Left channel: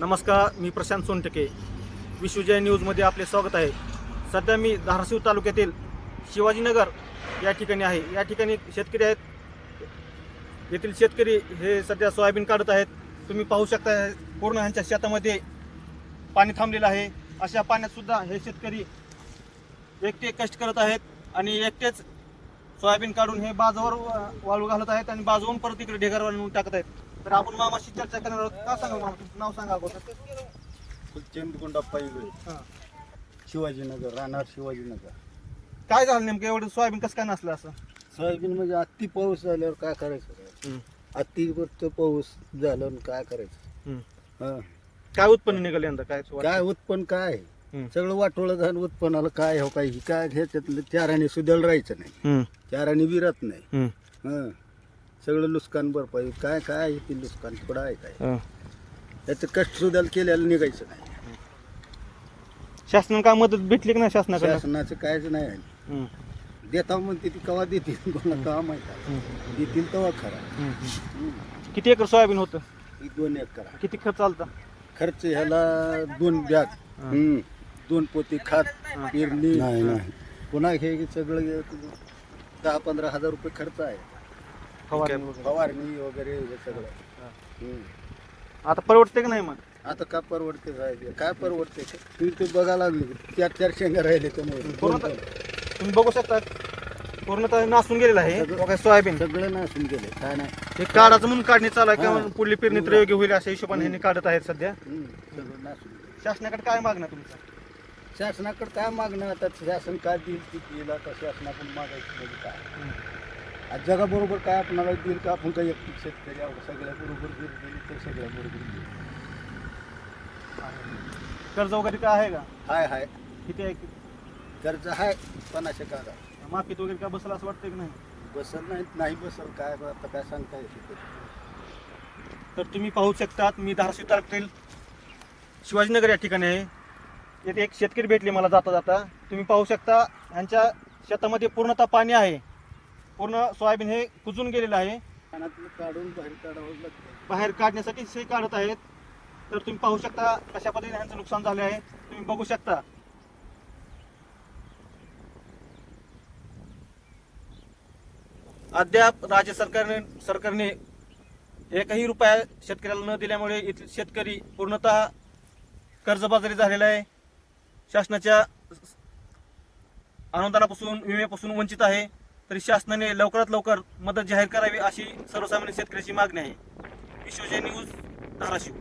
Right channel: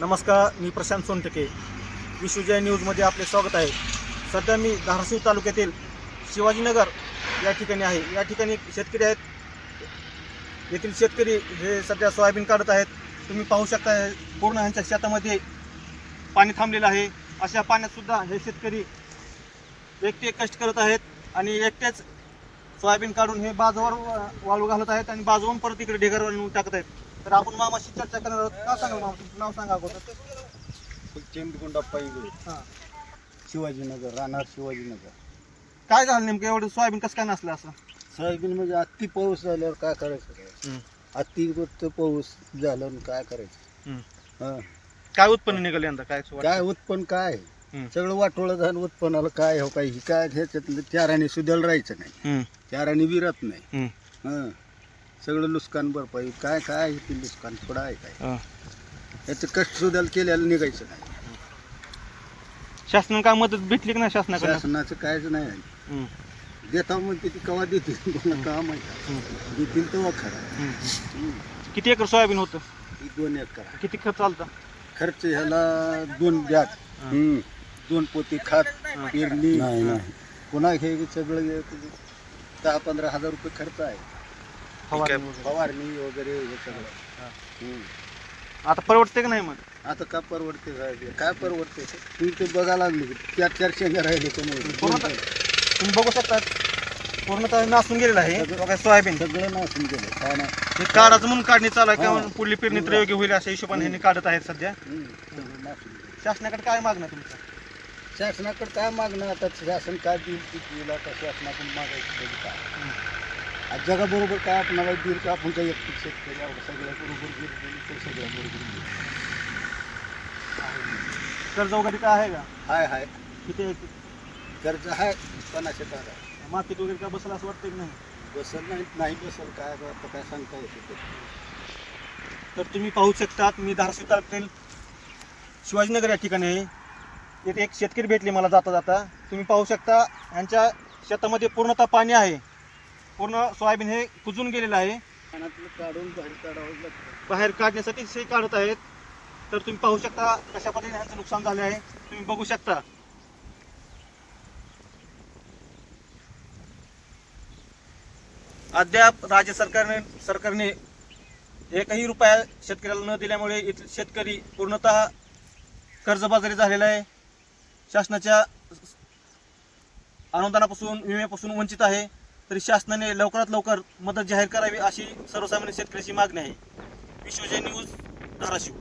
नमस्कार मी प्रशांत सोनटके. विश्वजय न्यूजमध्ये आपले स्वागत आहे. सध्या मी धाराशिव तालुक्यातील शिवाजीनगर या ठिकाणी आहे. या ठिकाणी शेतकरी आहेत. येथील शेतकरी हे सध्या सोयाबीन काढत आहेत. तुम्ही पाहू शकता पूर्ण ह्यांच्या शेतामध्ये पाणी थांबलेलं आहे. अशा पाण्यातसुद्धा हे शेतकरी एकटे कष्ट करत आहेत आणि एकटेच सोयाबीन काढून हे बाजूवर वाळू घालत आहेत आणि बाजूवरून परत इकडे ढेगारवर नेऊन टाकत आहेत. तर आपण मामाशी चर्चा करणार आहोत. सांगा मामा तुमचं नाव सांगा अगोदर. चेंडकुंडा पाहिजे. हां. शिवाजीनगर राहणार शिवाजीनगर. काय झालं नेमकं? एवढं सोयाबीन कसं काय नसलं असं? सोयाबीन म्हणजे अति पाऊस झाल्यावर काय करायचं? अति गोष्ट पाऊस झालं आणि काय करायचं? हं. काय उत्पन्न निघालं यंदा? काय काय उत्पन्न काय. सगळं वाटोळं झालं उत्पन्नाला काय हो काय ही काय ह्याच्यातलं चाराने सुद्याला राहायचं नाही. हम्म, चाराने विरत नाही. हम्म, हं. सगळं नुकसान भरपाई काय काय आहे ते नुकसान थोडं आहे काय? हं. याचं कष्ट सुद्याला केल्याला निघायचं नाही. शासनाने काय मदत भेटली की नाही शासनाकडे शासनाचं कायच नाही आहे. देता म्हणते ती कवा देतील? कोणा काम आहे का? देतील तेव्हा खरा. किती एकर सोयाबीन होतं? ही दोन एकर आहे. किती खर्च आलता? खर्च ह्याला दोन ब्याज हं. दोन पोती खात. पेरणी. पुन्हा हे सगळं हे दहा पंधरा हजार रुपये खर्च आहे. फवारणी वगैरे. फवारणी वगैरे हे सगळं. हं. आता परवडते की नाही मग? आता काय परवडते साहेब? काय परवडते? तुम्ही ते बघायला लागले. चार चार शेंगा राहिले त्यामुळे तुम्ही बघू शकता. पूर्णतः नासून गेलेलं आहे. सगळं- बघा सोयाबीन. सगळं नासून गेलं काय नाही. हे काढाचं म्हणून काढणी चालू आहे हां. का पुढली पेरणी तर योग्य होईल अशा हिशोबाने ह्यांनी काढत आहेत सध्या. सगळं नासून गेलं शासनाकडे काय मागणं तुमचं? शासनाकडे काय मागणं? आता शासन काय देईल ते देईल आता शासनाकडून मागायचं म्हणजे काय? आज जगाबरोबर काय आपणाला देईल का आपण काही एकटी शेतकरी आहोत सगळ्या बरोबर गेलं तर सगळ्या बरोबर गेलं. कर्ज वगैरे काय आहे का? हाय हाय. किती आहे? कर्ज आहे पन्नास टक्का मार्केट वगैरे काय बसलं असं वाटतं की नाही? बसल नाही नाही बसल. काय आता काय सांगता येते तर तुम्ही पाहू शकतात मी धाराशिव तालुक्यातील शिवाजीनगर या ठिकाणी आहे येथे एक शेतकरी भेटले मला जाता जाता. तुम्ही पाहू शकता यांच्या शेतामध्ये पूर्णतः पाणी आहे. पूर्ण सोयाबीन हे कुजून गेलेलं आहे. काढून बाहेर काढावं लागतं. बाहेर काढण्यासाठी से काढत आहेत. तर तुम्ही पाहू शकता कशा पद्धतीने ह्यांचं नुकसान झाले आहे. तुम्ही बघू शकता. अद्याप राज्य सरकारने सरकारने एकही रुपया शेतकऱ्याला न दिल्यामुळे शेतकरी पूर्णतः कर्जबाजारी झालेला आहे. शासनाच्या अनुदानापासून विम्यापासून वंचित आहे. तरी शासनाने लवकरात लवकर मदत जाहीर करावी अशी सर्वसामान्य शेतकऱ्याची मागणी आहे. विश्वजय न्यूज धाराशिव.